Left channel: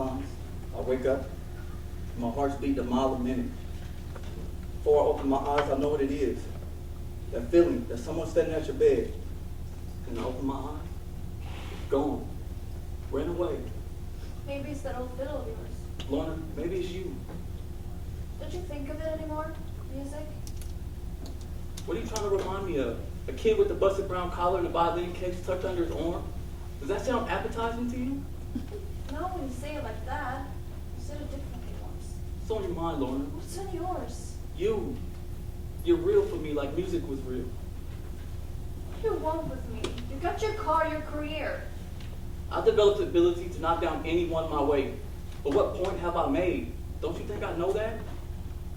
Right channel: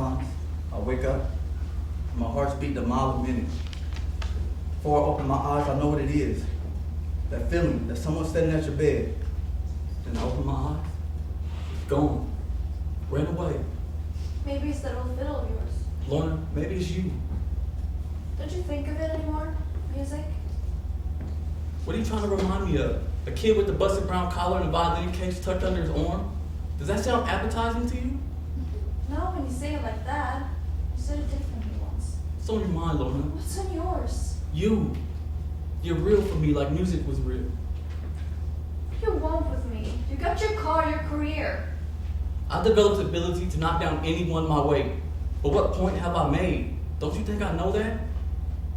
Sometimes I wake up, my heart's beating a mile a minute. Before I open my eyes, I know what it is. That feeling that someone's standing at your bed. And I open my eyes, gone, ran away. Maybe it's that old fiddle of yours. Lorna, maybe it's you. Don't you think of it anymore? Music? What are you trying to remind me of? A kid with the busted brown collar and a violin case tucked under his arm? Does that sound appetizing to you? No, when you say it like that. You said it differently once. What's on your mind, Lorna? What's on yours? You. You're real for me like music was real. What do you want with me? You got your car, your career. I developed the ability to knock down anyone my way. But what point have I made? Don't you think I know that?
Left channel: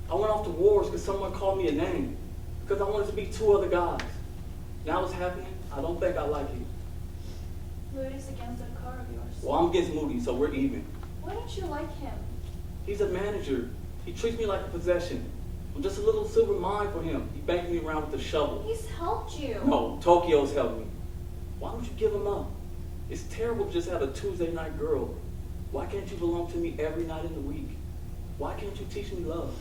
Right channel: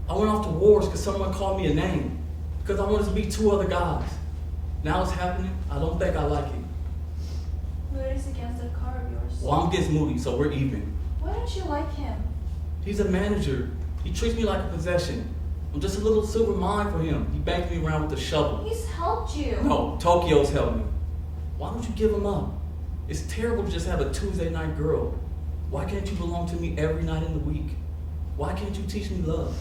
I went off to wars because someone called me a name. Because I wanted to be two other guys. Now it's happening, I don't think I like it. Moody's against that car of yours. Well, I'm against Moody, so we're even. Why don't you like him? He's a manager. He treats me like a possession. I'm just a little silver mine for him. He bangs me around with a shovel. He's helped you. No, Tokyo's helped me. Why don't you give him up? It's terrible to just have a Tuesday night girl. Why can't you belong to me every night in the week? Why can't you teach me love?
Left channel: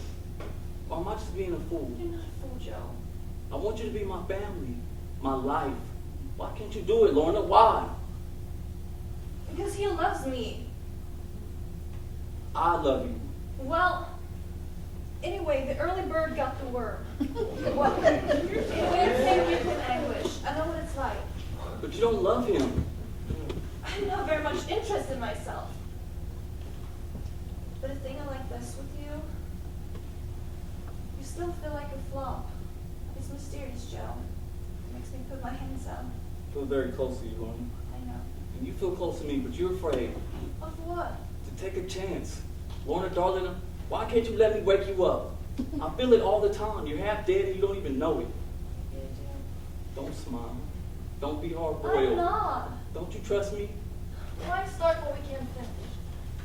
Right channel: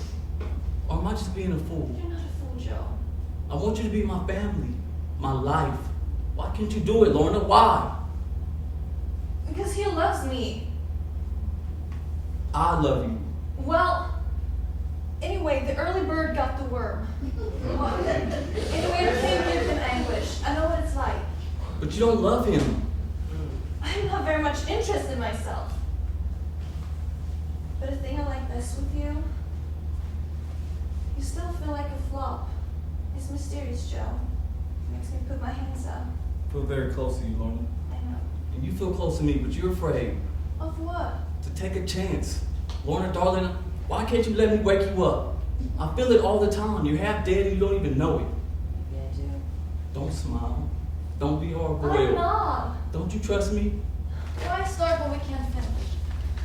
Or am I just being a fool? You're not a fool, Joe. I want you to be my family, my life. Why can't you do it, Lorna? Why? Because he loves me. I love you. Well, anyway, the early bird got the worm. Well, anyway, I can't give him anguish. I know what it's like. But you don't love him. I'm not very much interested in myself. But a thing I like this with you, you still feel like a flop. It's mysterious, Joe. It makes me put my hands up. I feel very close to you, Lorna. I know. And you feel close to me, but you're afraid Of what? to take a chance. Lorna, darling, why can't you let me wake you up? I feel it all the time. You're half dead and you don't even know it. Yeah, Joe. Don't smile. Don't be hard I'm boiled. not. Don't you trust me? Why start when we can't finish?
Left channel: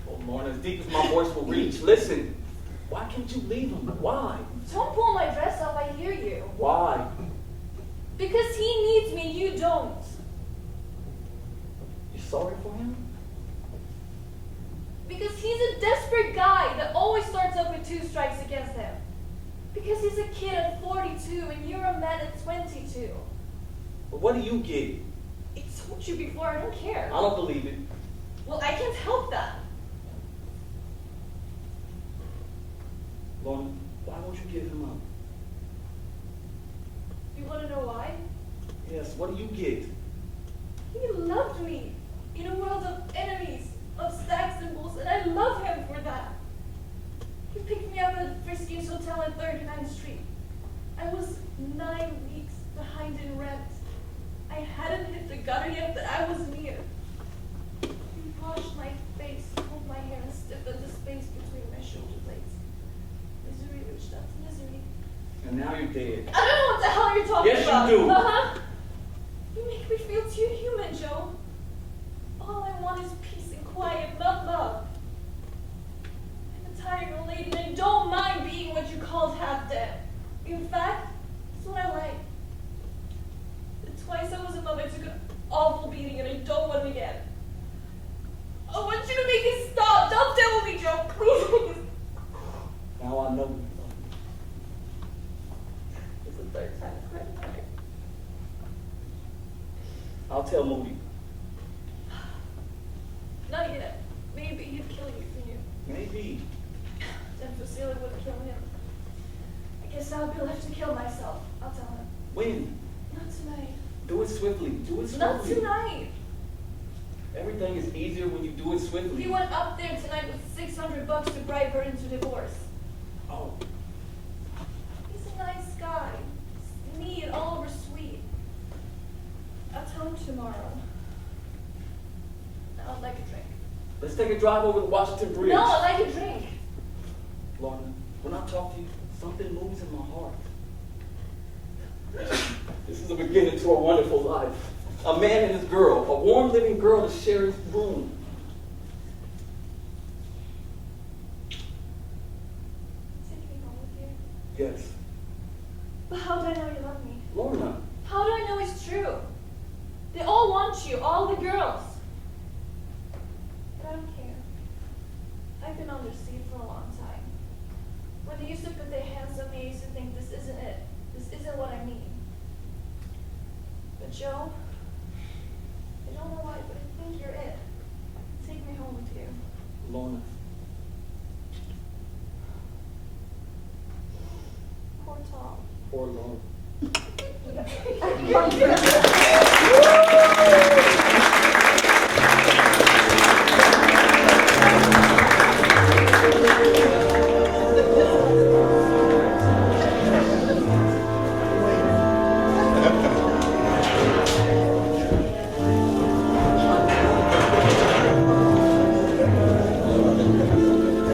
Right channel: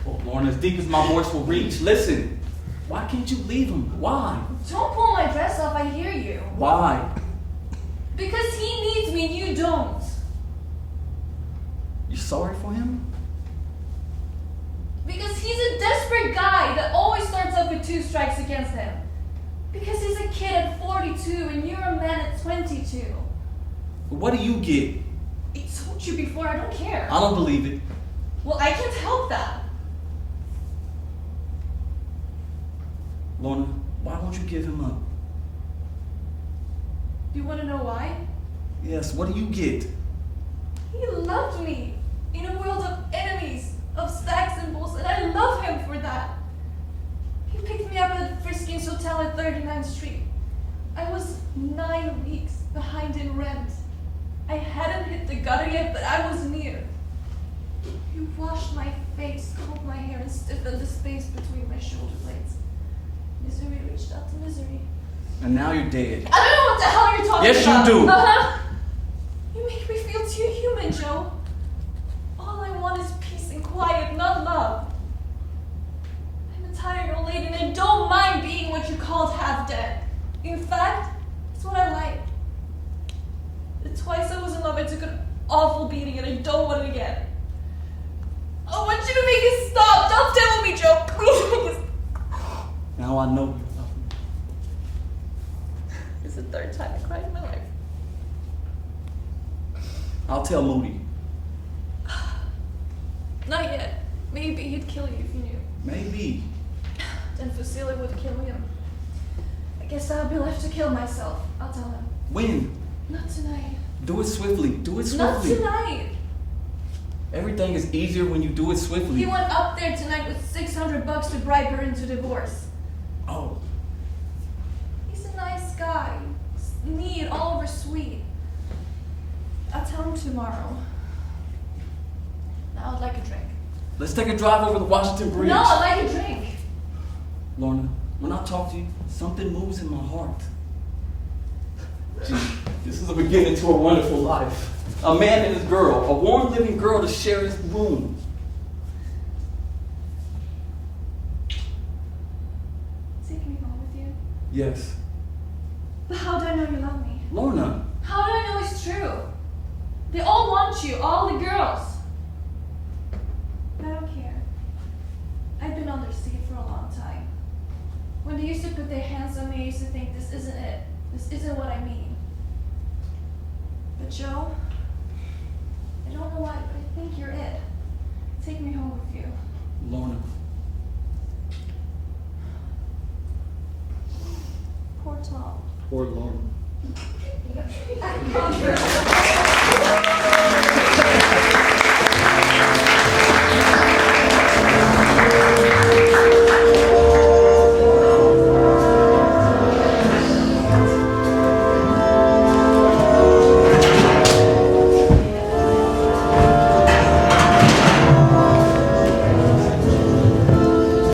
Oh, Lorna, as deep as my voice will reach, listen. Why can't you leave him? Why? Don't pull my dress off, I hear you. Why? Because he needs me and you don't. You sorry for him? Because he's a desperate guy that always starts up with 2 strikes against him. Because he's a kid at 42 and you're a man at 22. But what do you get? I told you before, I don't care. I don't believe it. Well, I can't help that. Lorna, why won't you give him up? You want to know why? Yes, what do you get? He loved me in a world of enemies, of stacks and bulls, and I love him for that. He picked me up at Friskin's Hotel at 39th Street. I was 9 weeks behind in rent. I hadn't hit the gutter yet, but I was near. He washed my face, combed my hair, and stiffened the space between my shoulder blades. Misery reached out to misery. And now you're dead. I don't know what the hell you're talking Yes, about. you do. You make me feel too human, Joe. All I want is peace and quiet, not love. I'm a tired old lady and I don't mind being what you called half dead. In fact, it's what I like. The twice I was in love, I took an awful beating and I don't want it again. I want you to make it stop. Don't tell me, Joe. Please make it stop. Now I know you love me. This is the 3rd time I cried in my life. I'll tell Moody. Not yet. Maybe he'd kill you if he knew. Maybe. Then Fuseli would kill him. I guess I'll be left to kill myself. I'll tell him. When? Not tonight. Do it swiftly. Do it Not swiftly. tonight. Everything is easier when you do it swiftly. He went up there tonight with $600 to bribe her into divorce. Oh. He's a nice guy. Neat, all over sweet. I'll tell him tomorrow. Now I'd like a drink. Let's take a drive over the Washington Bridge. No, I'd like a drink. Lorna, when I talk to you, something moves in my heart. This is the beginning to a wonderful life. A man and his girl, a warm living girl to share his room. Is it coming home with you? Yes. But how do I know you love me? Lorna. How do I know it's true? They all want you, all the girls. But I don't care. When they used to put their hands on me, I used to think, this isn't it. This isn't what I mean. But Joe, I don't know why, but I think you're it. Take me home with you. Lorna. Poor Tom. Poor Lorna.